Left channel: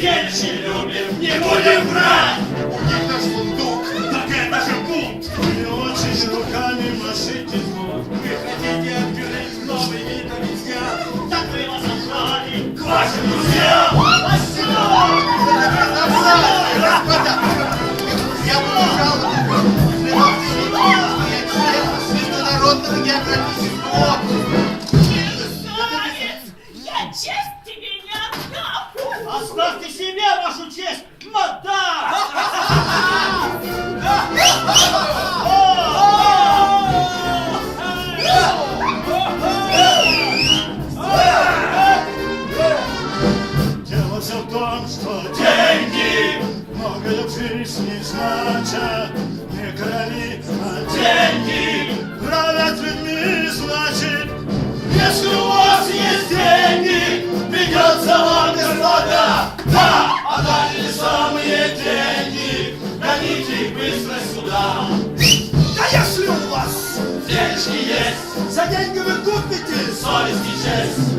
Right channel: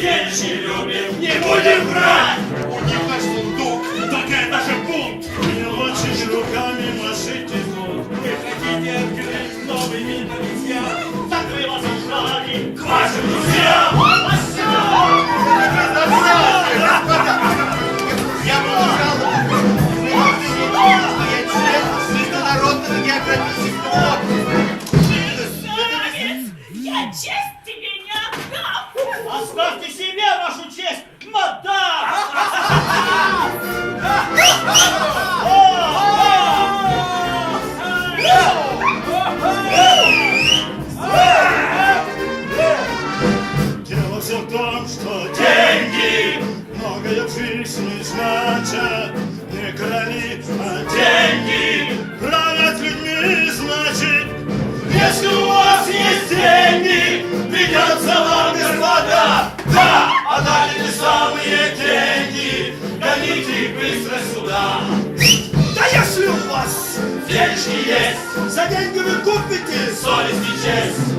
деньги любим, не будем брать. Будет наш сундук. Так это же бунт. Не очень руками машите звук. Вы хотите открыть новый вид обезьян? Так вы вас отжали к вашим друзьям. Господа, я получал я член Международного географического общества. Я честь тебе не отдам! Оставьте себе вашу честь, мадам! Дело все в том, что деньги многое в жизни значат. Не короли, а деньги правят людьми, значит. Если у вас есть деньги, придется вам, господа, да, а дали не самые деньги, гоните их быстро сюда. Да если у вас Денежки есть, за деньги вы купите совесть и честь.